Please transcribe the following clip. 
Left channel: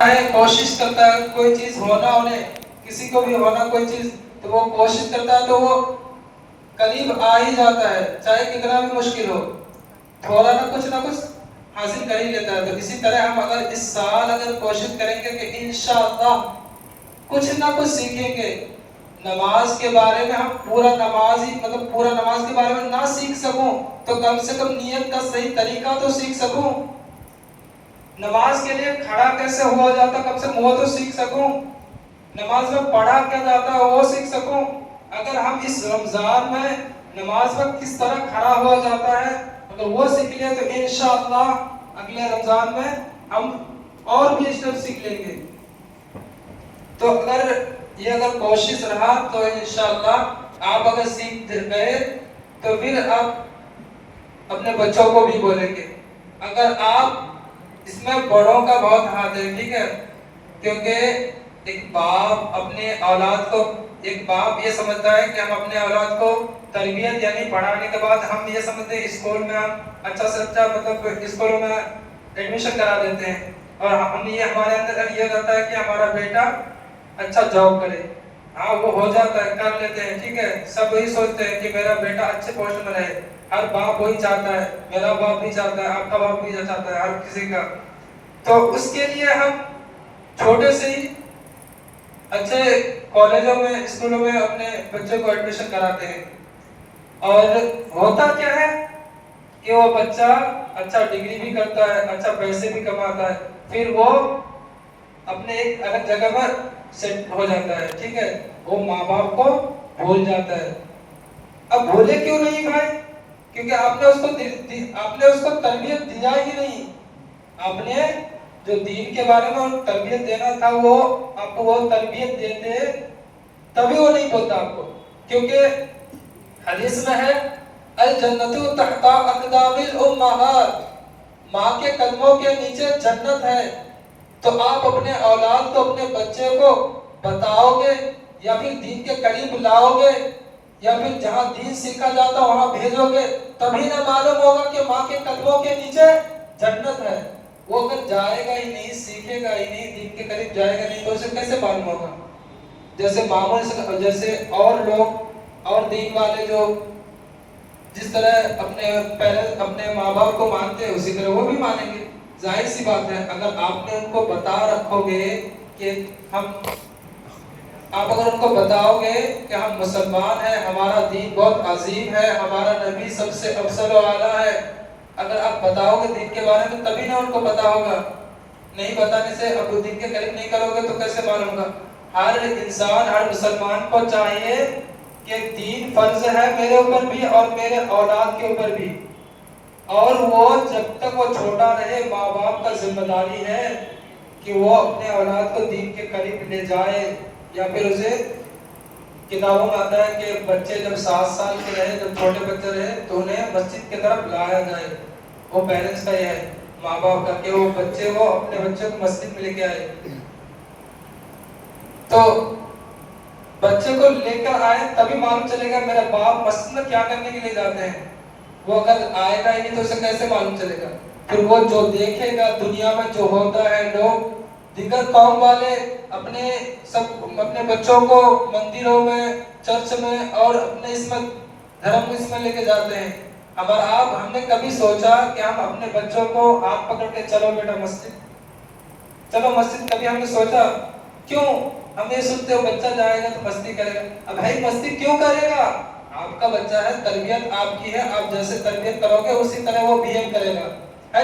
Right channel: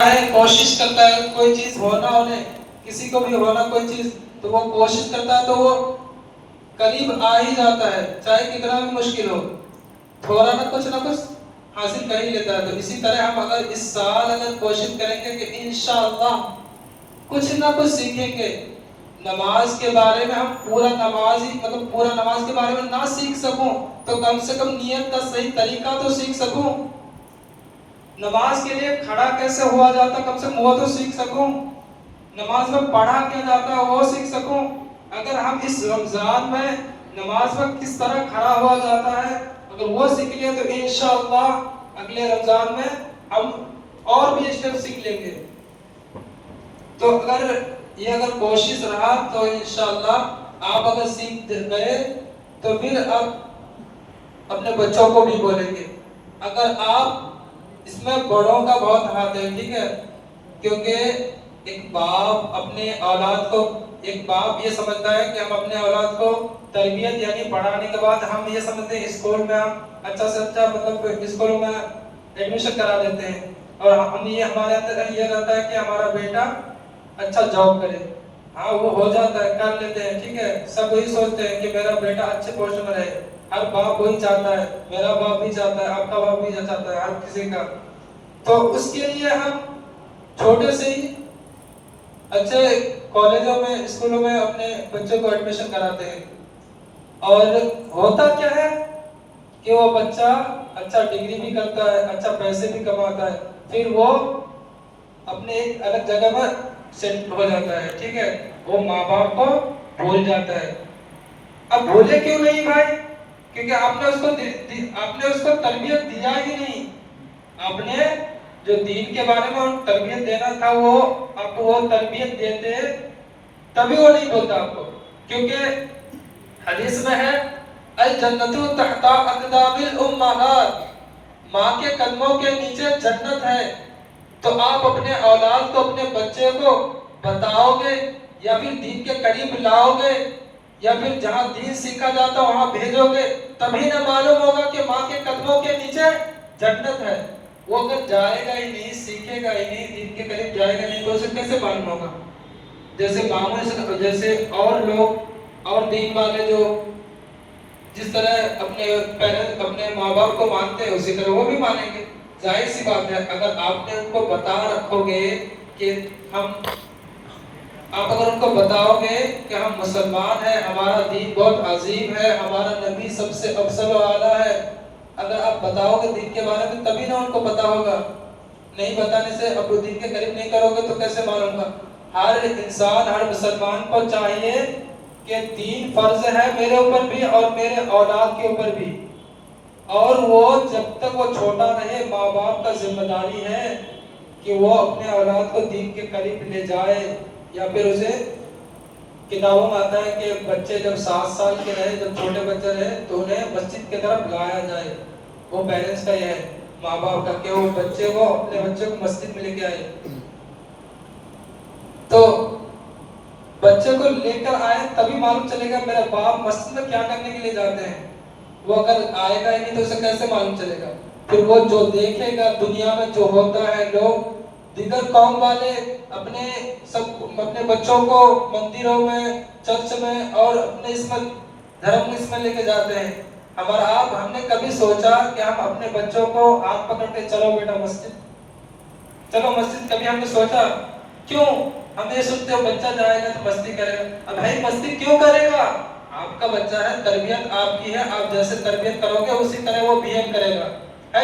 है, कोशिश करता है कोई चीज होने किसी को भी होना कोई चीज, तो वो कोशिश करता है तो वो करीब आ ही जाता है, चाहे कितना भी मुश्किल हो, थोड़ा ना कुछ हासिल कर ही लेता है। तो इसी तरह हम अगर इस साल अगर कोशिश करेंगे कि इंशाअल्लाह कुछ ना कुछ सीखेंगे, नमाज के बारे में हम पूरा नमाज ही पूरा नमाज के बारे में ना सीख सकूं तो कम से कम नियत का सही तरीका तो सीख सकूं, नमाज के लिए खड़ा कैसे हुआ जाता कम से कम वो तो सीख सकूं, नमाज में पढ़ा क्या जाता है वो सीख सकूं। अगर हम इस रमजान में नमाज में किस तरह खड़ा हुआ जाता है अगर वो सीख लिया तो इंशाअल्लाह अगले रमजान में हम और भी स्टेप सीख लेंगे। तो अगर कोशिश रहा तो इंशाअल्लाह आप अगर सीख गए तो फिर आप अपने बच्चों को भी बोलेंगे। अगर आप इसमें बड़ों का बहुत हाथ है, ठीक है, क्योंकि एक बाप अपने औलाद को, एक बाप ये समझता है कि हम अपने औलाद को तरबियत यानी पढ़ाने के बाद हम ये समझते हैं स्कूल में अच्छा से अच्छा स्कूलों में एडमिशन करा देते हैं और हम ये हमारे अंदर ये रहता है कि हमारा बेटा अच्छा जॉब करे। हाँ वो हो जाता है, कर लेते हैं, ठीक है, सब वही सोचते हैं कि मेरा बेटा अच्छे पोस्ट में रहे, हर बाप वही चाहता है, मेरा बाप भी चाहता है, आपका बाप भी चाहता है, हर किसी का। तो उसके लिए हम छोटे से ही अच्छे कॉलेजों में स्कूलों में अपने बच्चों को एडमिशन कराते हैं और होता क्या है कि वो बच्चा अच्छा डिग्री भी करता है, अच्छा पैसे भी कमाता है, फिर वो अपने एक अलग जगह पर सेट हो जाता है, ठीक है, वो माँ बाप को भूल जाता है। अब भूले क्यों नहीं भाई? क्योंकि आपने उसको तरबियत दिया ही नहीं। आपने जो दीन के बारे में तरबियत देना था वो आपको वो तरबियत देते तभी वो नहीं बोलता आपको, क्योंकि हदीस में है अल जन्नतु तहता अक़दामिल उम्महात, माँ के कदमों के नीचे जन्नत है। तो आप अपने औलाद को, अपने बच्चे को बताओगे या फिर दीन के करीब लाओगे या फिर जहाँ दीन सीखा जाता वहाँ भेजोगे, तभी ना मालूम होगा कि माँ के कदमों के नीचे जन्नत है। वो अगर जाएगा ही नहीं, सीखेगा ही नहीं, दीन के करीब जाएगा नहीं, तो उसे कैसे मालूम होगा? जैसे मामूली जैसे और लोग और दीन वाले जो जिस तरह अपने माँ बाप को मानते हैं उसी तरह वो भी मानेंगे, जाहिर सी बात है। अगर आपने उनको बता रखोगे कि आप अगर उनको बताओगे कि हम मुसलमान हैं, हमारा दीन बहुत अजीम है, हमारा नबी सबसे अफजल व आला है, अगर आप बताओगे दीन के बारे में तभी ना उनको पता होगा। नहीं बताने से अब दीन के करीब नहीं करोगे तो कैसे मालूम होगा? हर इंसान, हर मुसलमान को चाहिए कि दीन फर्ज है मेरे ऊपर भी और मेरे औलाद के ऊपर भी, और वो जब तक वो छोटा रहे माँ बाप का जिम्मेदारी है कि वो अपने औलाद को दीन के करीब ले जाए। या फिर उसे किताबों में आता है कि बच्चे जब 7 साल के रहे, जब छोटे बच्चे रहे तो उन्हें मस्जिद की तरफ लाया जाए। वो पेरेंट्स का ये है, माँ बाप का, कि वो अपने बच्चों को मस्जिद में लेके आए। तो बच्चे को लेकर आए तभी मालूम चलेगा मेरा बाप मस्जिद में क्या करने के लिए जाते हैं। वो अगर आएगा ही नहीं तो उसे कैसे मालूम चलेगा? फिर वो जो देखेगा दुनिया में जो होता है, लोग दिगर कौम वाले अपने बच्चों को मंदिरों में, चर्च में और अपने इसमें धर्म इसमें लेके जाते हैं। हमने कभी सोचा कि हम अपने बच्चों को हाथ पकड़ के चलो बेटा मस्जिद, चलो मस्जिद? कभी हमने सोचा? क्यों? हम ये सोचते हो बच्चा जाएगा तो मस्ती करेगा। अब भाई मस्ती क्यों करेगा? आपका बच्चा है, तरबियत आपकी है, आप जैसे तरबियत करोगे उसी तरह वो बिहेव करेगा।